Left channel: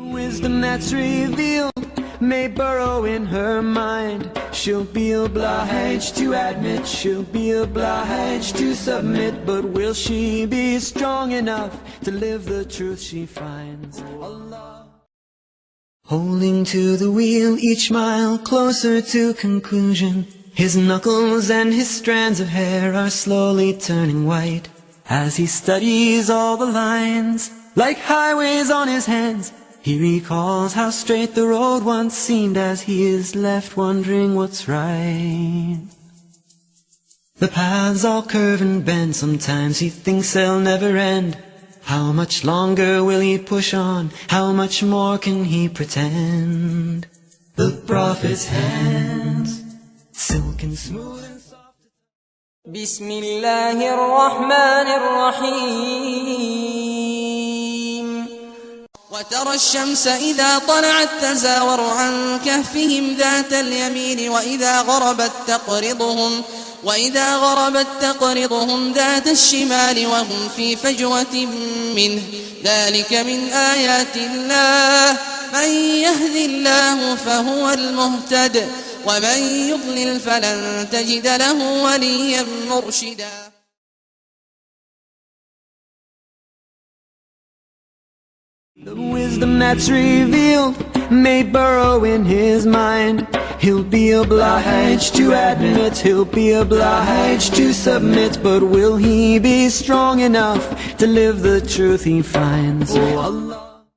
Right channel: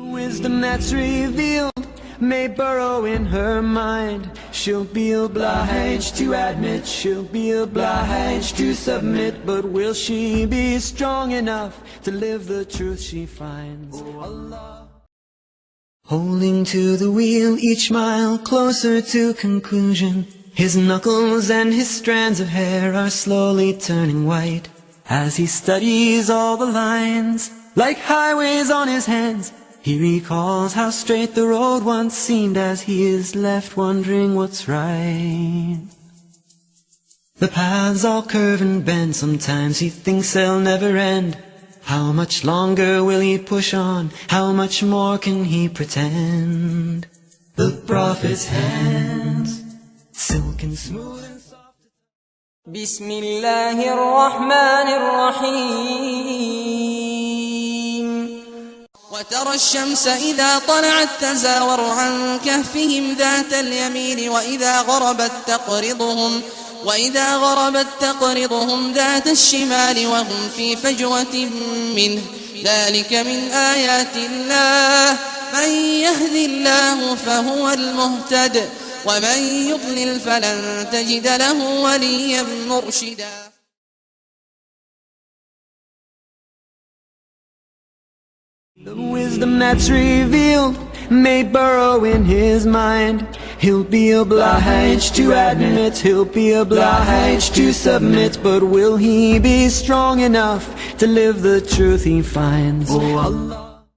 Wisdom that's revealed may burrow in her mind. She'll be obliged to admit, she'll be obliged to submit. But will she be strong enough to live the truth she finds? Allah. Holding to the wheel each mile closer to conclusion. His knuckles and his strands of hair are slowly turning white as he studies all the lines like highways on his hands. He recalls how straight the road once seemed as he is left wondering what's right. The paths all curve and bend, sometimes he thinks they'll never end. How much longer will he push on? How much more can he pretend? The Prophet's hands, silk and smooth and soft. Bismillahir Rahmanir Rahim. The wisdom that's revealed may burrow in his mind. He'll be obliged to admit, he'll be obliged to submit. But will he be strong enough to live the truth he finds? Allah.